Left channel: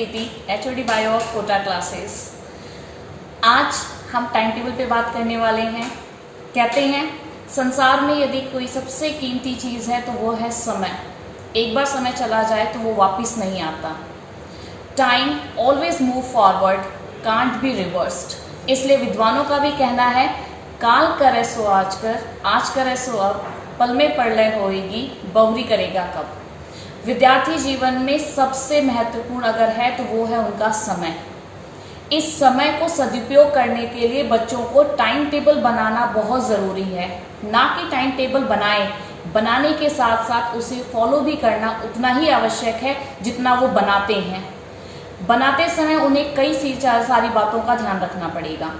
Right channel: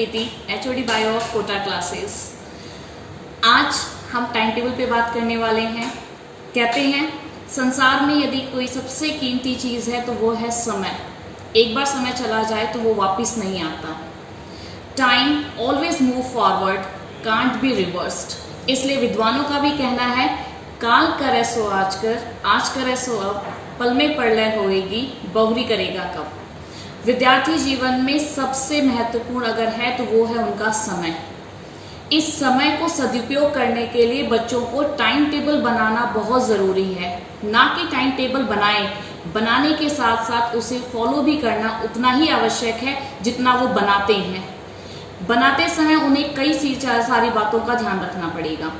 Preeti, HOD bio of Kota classes. आज हम time table पे बात करने वाले हैं। कहते हैं संसार में यदि कोई सबसे कीमती चीज़ है तो वो है समय। एक बार समय चला जाए तो वो वापस नहीं आता। Time always move forward, can't be reversed. इसलिए विद्वानों का भी कहना है काल करे सो आज करे सो अब, पल में प्रलय होएगी, बहुरी करेगा कब। विद्यार्थी जीवन में सबसे महत्वपूर्ण अगर है तो वो है उनका समय। इस समय को सदुपयोग करने के लिए बच्चों को टाइम टेबल बनाना बहुत ज़रूरी है। ना कि टाइम टेबल बनाने के साथ साथ उसे फॉलो भी करना उतना ही आवश्यक है जितना वो बनाते हैं। बनाते समय उन्हें कई सारी बातों का ध्यान रखना पड़ेगा।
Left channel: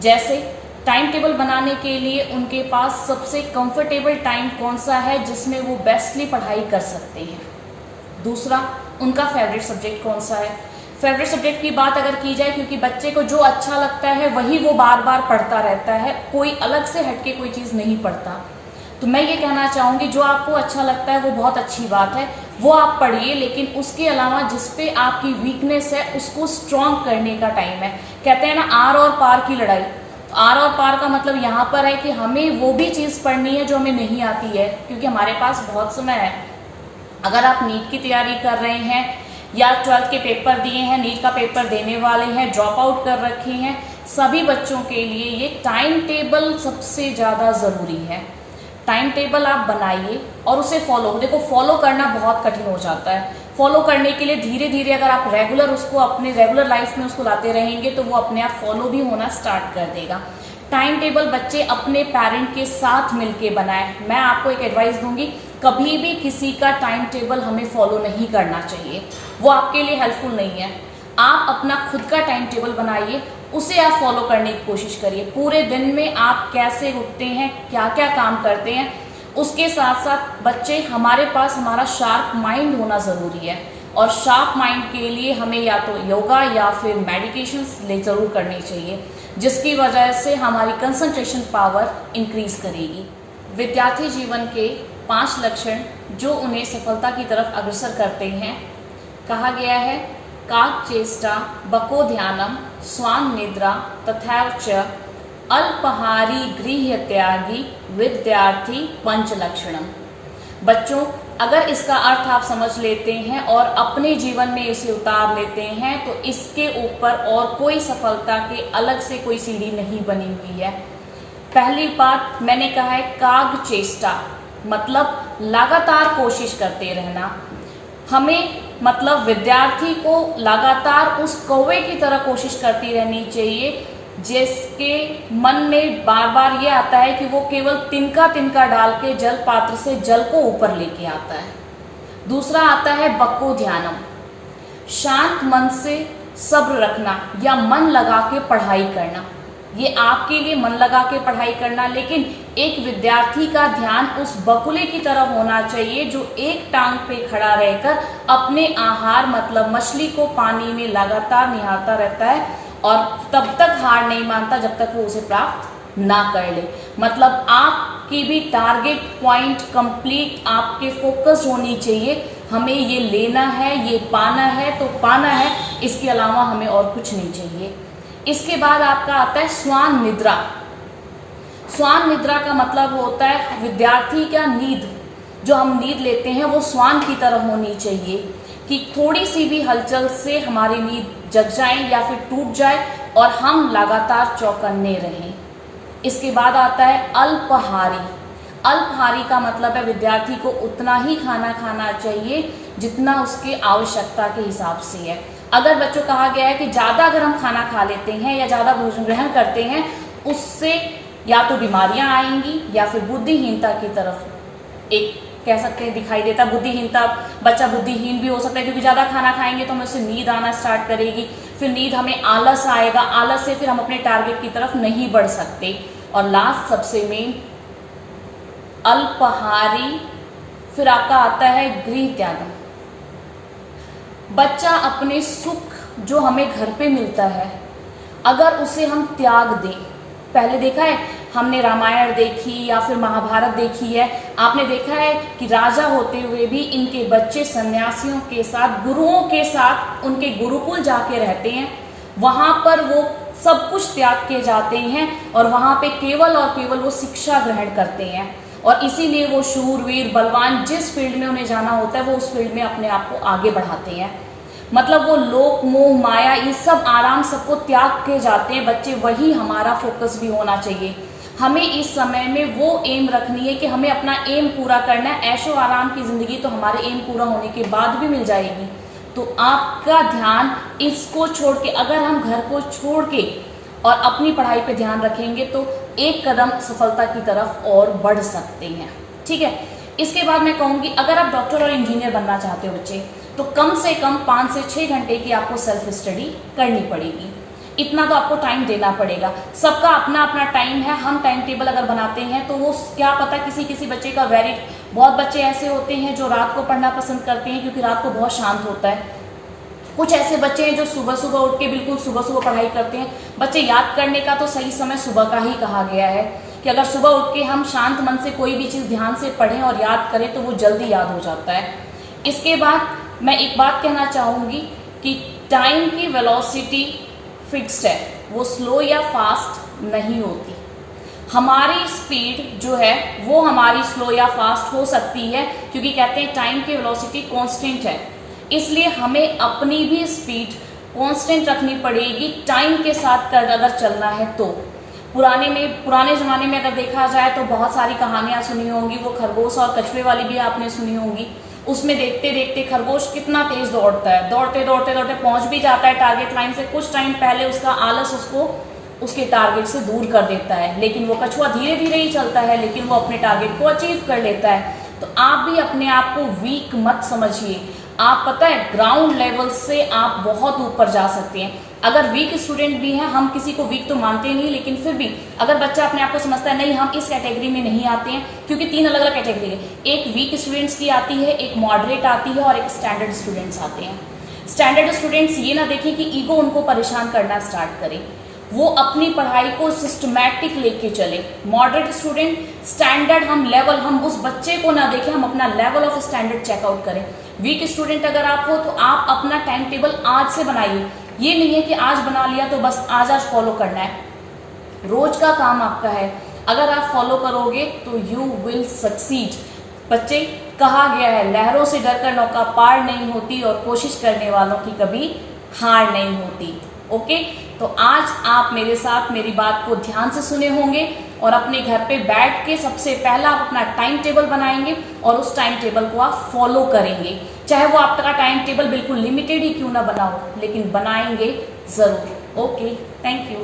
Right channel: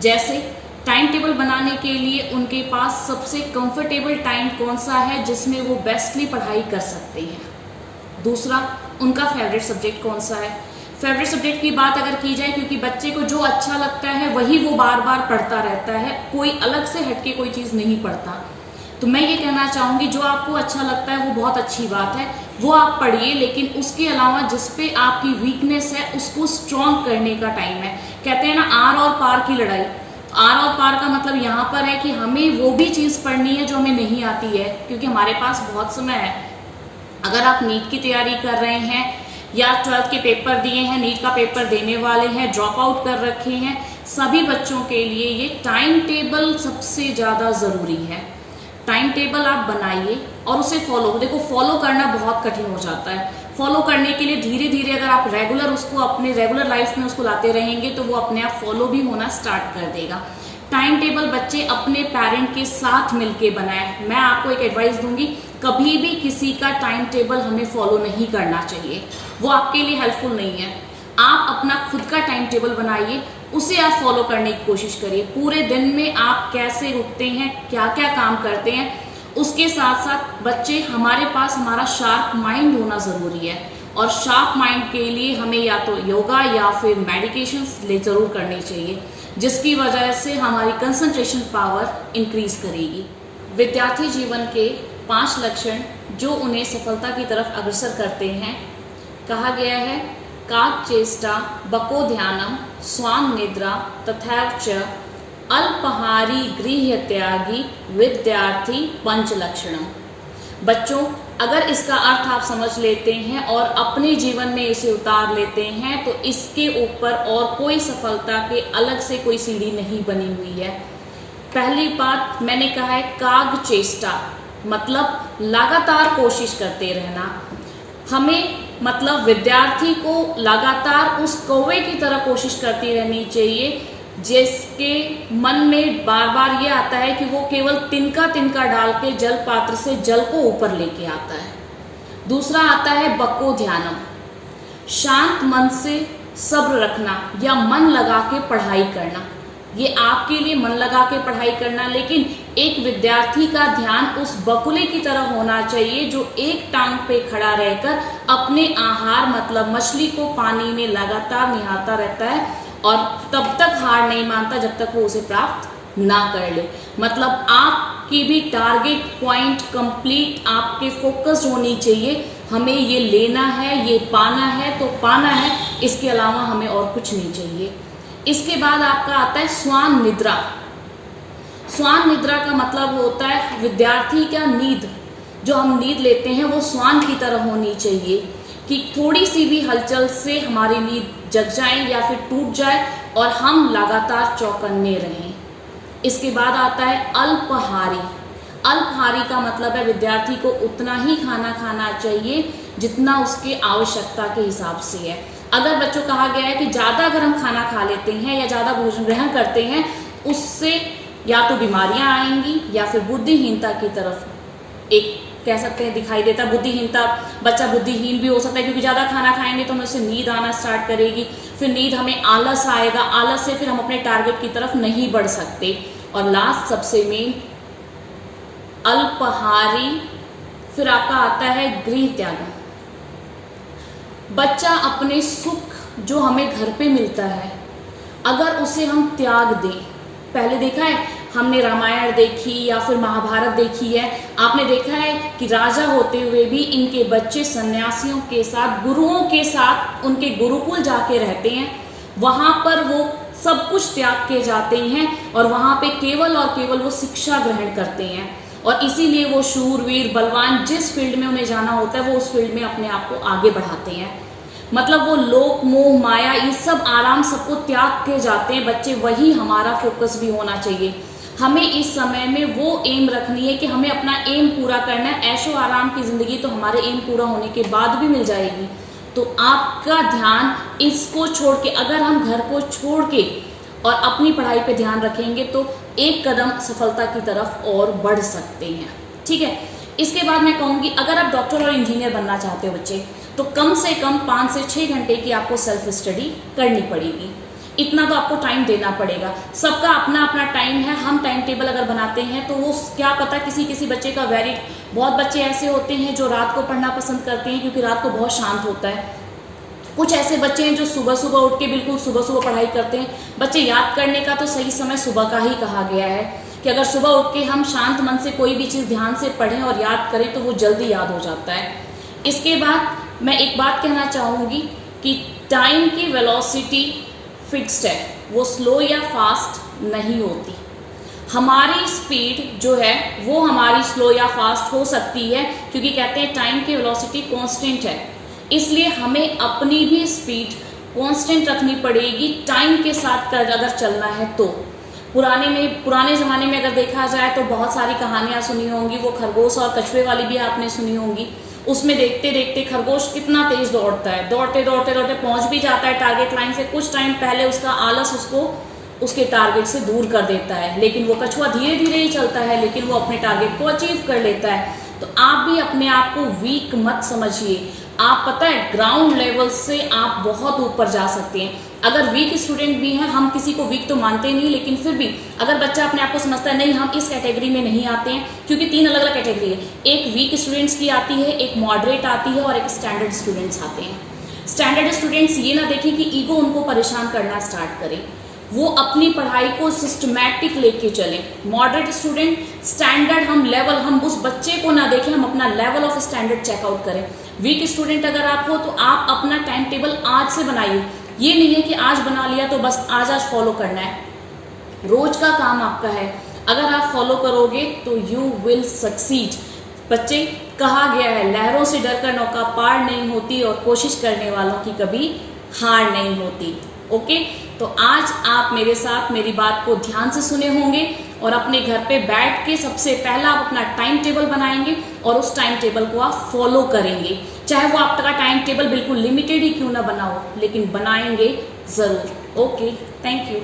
जैसे टाइम टेबल बनाने के लिए उनके पास सबसे कंफर्टेबल टाइम कौन सा है जिसमें वो बेस्टली पढ़ाई कर सकते हैं। दूसरा, उनका फेवरेट सब्जेक्ट कौन सा है। फेवरेट सब्जेक्ट की बात अगर की जाए, क्योंकि बच्चे को जो अच्छा लगता है वही वो बार बार पढ़ता रहता है, कोई अलग से हटके कोई चीज़ नहीं पढ़ता। तो मैं ये कहना चाहूँगी जो आपको अच्छा लगता है वो बहुत अच्छी बात है, वो आप पढ़िए, लेकिन उसके अलावा जिस पे आपकी वीकनेस है उसको स्ट्रॉन्ग करने का टाइम है। कहते हैं ना आर और पार की लड़ाई। तो आर और पार का मतलब यहाँ पर है कि हमें वो भी चीज़ पढ़नी है जो हमें नहीं आती है, क्योंकि हमारे पास बहुत समय है। अगर आप नीट की तैयारी कर रहे हैं या 12th के पेपर दिए हैं, नीट का पेपर देने वाले हैं, ड्रॉप आउट कर रखे हैं, सभी बच्चों के लिए ये टाइम टेबल सबसे ज़्यादा ज़रूरी है। टाइम टेबल आप बनाइए और उसे फॉलो। देखो, फॉलो करना बहुत कठिन हो जाता है। फॉलो करने के लिए धीरे धीरे अगर आप रेगुलर उसको अपने रेगुलर लाइफ में उसको लाते रहेंगे तो वो अपने आप फॉलो भी होना स्टार्ट कर देगा। टाइम टेबल बच्चे अपने पेरेंट के साथ मिलके बनाएं। मैं आपको एक एडवाइस दूंगी, कभी भी किसी का टाइम टेबल हमें फॉलो नहीं करना चाहिए, वो आपके लिए हेल्पफुल नहीं है। आप अपना खुद का टाइम टेबल बनाइए, उसे आप फॉलो करने की कोशिश करिए। पूरे दिन में आप कैसे उठते हैं, क्या क्या काम करते हैं, उसके साथ साथ बच्चे हमारे पास हमारा शार्प माइंड होना ज़रूरी है। और शार्प माइंड के लिए हमें या तो योगा या फिर मेडिटेशंस ज़रूर करनी चाहिए, जिसकी वजह से हमारी कंसंट्रेशन पावर इंक्रीज करेगी। विद्यार्थी जीवन के 5 लक्षण जो उन्हें सफलता की तरफ अग्रसर करते हैं, कहा गया है काच चेष्टा बको ध्यानम स्वान निद्रा तथैव च अल्पहारी गृह्य त्यागी विद्यार्थी पंच लक्षणम। बच्चों, अगर इसका अर्थ आप समझ लेते हैं और अपने जीवन में इसे उतार लेते हैं तो इसके ऊपर और कोई सफलता के अलग से कोई सीढ़ी नहीं बनी हुई है। पहली बात मैंने कहा है काग चेष्टा, मतलब लगातार कोशिश करते रहना। हमें मतलब विद्यार्थी को लगातार उस कौवे की तरह कोशिश करती रहनी चाहिए जिसके मन में बार बार ये आता है कि वो केवल तिनका तिनका डाल के जल पात्र से जल को ऊपर लेके आता है। दूसरा आता है बको ध्यानम, शांत मन से सब्र रखना या मन लगा के पढ़ाई करना। ये आपके लिए मन लगा के पढ़ाई करना, लेकिन एक विद्यार्थी का ध्यान उस बकुले की तरह होना चाहिए जो एक टांग पे खड़ा रहकर अपने आहार मतलब मछली को पानी में लगातार निहारता रहता है और तब तक हार नहीं मानता जब तक वो उसे प्राप्त ना कर ले। मतलब आपकी भी टारगेट पॉइंट कंप्लीट आपके फोकस होनी चाहिए। हमें ये लेना है, ये पाना है तो पाना है, इसके अलावा हमें और कुछ नहीं चाहिए। इसके बाद आपका आता है स्वान निद्रा। स्वान निद्रा का मतलब होता है विद्यार्थी का नींद, जो हम नींद लेते हैं वो स्वान की तरह होनी चाहिए कि थोड़ी सी भी हलचल से हमारी नींद जग जाए या फिर टूट जाए और हम लगातार चौकन्ने रहें। इसके बाद आता है अल्पहारी। अल्पहारी का मतलब है विद्यार्थी को उतना ही खाना खाना चाहिए जितना उसके आवश्यकता के हिसाब से है। अगर बच्चों कहा गया है कि ज़्यादा अगर हम खाना खा लेते हैं या ज़्यादा भोजन ग्रहण करते हैं, उससे या तो बीमारियां आएंगी या फिर बुद्धिहीनता की तरफ एक कह सकते हैं दिखाई देता। बुद्धिहीनता, बच्चा बुद्धिहीन भी हो सकता है क्योंकि ज़्यादा खाना खाएंगे तो हमें उससे नींद आना स्टार्ट करेगी, फिर नींद हमें आलस आएगा, आलस से फिर हम अपने टारगेट की तरफ नहीं बढ़ सकते। और लास्ट सबसे मेन अल्पहारी, फिर आपका आता है गृह त्यागम। बच्चा अपने सुख जो हमें घर पे मिलता है अगर उसे हम त्याग दें, पहले देखा है हमने रामायण देखी या फिर महाभारत देखी है, आपने देखा है कि राजा होते हुए भी इनके बच्चे सन्यासियों के साथ, गुरुओं के साथ उनके गुरुकुल जाके रहते हैं। वहाँ पर वो सब कुछ त्याग के जाते हैं और वहाँ पे केवल और केवल वो शिक्षा ग्रहण करते हैं, और इसीलिए वो शूरवीर बलवान जिस फील्ड में उन्हें जाना होता है वो उस फील्ड में अपने आप को आगे बढ़ाते हैं। मतलब वो लोक मोह माया ये सब आराम सबको त्याग के जाते हैं बच्चे। वही हमारा फोकस भी होना चाहिए। हमें इस समय में वो एम रखनी है कि हमें अपना एम पूरा करना है। ऐशो आराम की ज़िंदगी तो हमारे एम पूरा होने के बाद भी मिल जाएगी। तो आपका ध्यान इसको छोड़ के, अगर हम घर को छोड़ के और अपनी पढ़ाई पे ध्यान रखेंगे तो एक कदम सफलता की तरफ और बढ़ सकते हैं। ठीक है, इसके बाद मैं कहूँगी अगर आप डॉक्टर और इंजीनियर बनना चाहते हो बच्चे, तो कम से कम 5 से 6 घंटे की आपको सेल्फ स्टडी करनी पड़ेगी। इतना तो आपको टाइम देना पड़ेगा। सबका अपना अपना टाइम है। हम टाइम टेबल अगर बनाते हैं तो वो क्या पता किसी बच्चे का बहुत बच्चे ऐसे होते हैं जो रात को पढ़ना पसंद करते हैं क्योंकि रात को बहुत शांत होता है। कुछ ऐसे बच्चे हैं जो सुबह सुबह उठ के बिल्कुल सुबह सुबह पढ़ाई करते हैं। बच्चे याद करने का तो सही समय सुबह का ही कहा गया है कि अगर सुबह उठ के हम शांत मन से कोई भी चीज़ ध्यान से पढ़ें और याद करें तो वो जल्दी याद हो जाता है। इसके बाद मैं एक बात कहना चाहूँगी कि टाइम की वेलोसिटी फिक्स्ड है, वो स्लो या फास्ट नहीं होती। हमारी स्पीड जो है वो हमारी स्लो या फास्ट हो सकती है, क्योंकि कहते हैं टाइम की वेलोसिटी कांस्टेंट है। इसलिए हमें अपनी भी स्पीड कांस्टेंट रखनी पड़ेगी टाइम के साथ अगर चलना है तो। पुराने ज़माने में अगर देखा जाए तो बहुत सारी कहानियाँ सुनी होंगी, वो खरगोश और कछुए वाली भी आपने सुनी होंगी। उसमें देखते देखते खरगोश कितना तेज दौड़ता है, दौड़ते दौड़ते दौड़ते पहुंच भी जाता है टारगेट लाइन से। कुछ टाइम पहले उसका आलस उसको उसके टारगेट से दूर कर देता है, लेकिन वो कछुआ धीरे धीरे ही चलता है, लेकिन वो अपने टारगेट को अचीव कर लेता है। तो आप भी अपने आप को वीक मत समझिए। आप पता है ग्राउंड लेवल से आप बहुत ऊपर जा सकते हैं। अगर वीक स्टूडेंट भी हैं, हम किसी को वीक तो मानते नहीं, लेकिन फिर भी अगर बच्चा अपने आप को समझता है नहीं हम इस कैटेगरी में नहीं आते हैं, क्योंकि 3 अलग अलग कैटेगरी है। एक वीक स्टूडेंट्स की आती है, एक मॉडरेट आती है और एक स्टैंडर्ड स्टूडेंट्स आते हैं। स्टैंडर्ड स्टूडेंट्स ये ना देखें कि ईगो उनको परेशान करना स्टार्ट करे, वो अपनी पढ़ाई को सिस्टमैटिक लेके चले। मॉडरेट स्टूडेंट स्टैंडर्ड हम उस बच्चे को ना देखें, हम अपना लेवल ऑफ स्टैंडर्ड चेकआउट करें। वीक स्टूडेंट अगर आप हो तो आप अपना टाइम टेबल आज से बनाइए। ये नहीं है कि आज बना लिया तो बस आज फॉलो करना है, रोज का काम आपका है। अगर आप फॉलो करोगे तो यू विल सक्सीड। बच्चे, कहा गया है लहरों से डरकर नौका पार नहीं होती और कोशिश करने वालों की कभी हार नहीं होती। ओके, तो आज आप मेरे साथ मेरी बात को ध्यान से सुने होंगे और अपने घर पे बैठ के सबसे पहला आप अपना टाइम टेबल बनाएंगे और उस टाइम टेबल को आप फॉलो करेंगे। चाहे वो आपका टाइम टेबल बिल्कुल लिमिटेड ही क्यों ना बना हो, लेकिन बनाएंगे ज़रूर। Okay, thank you.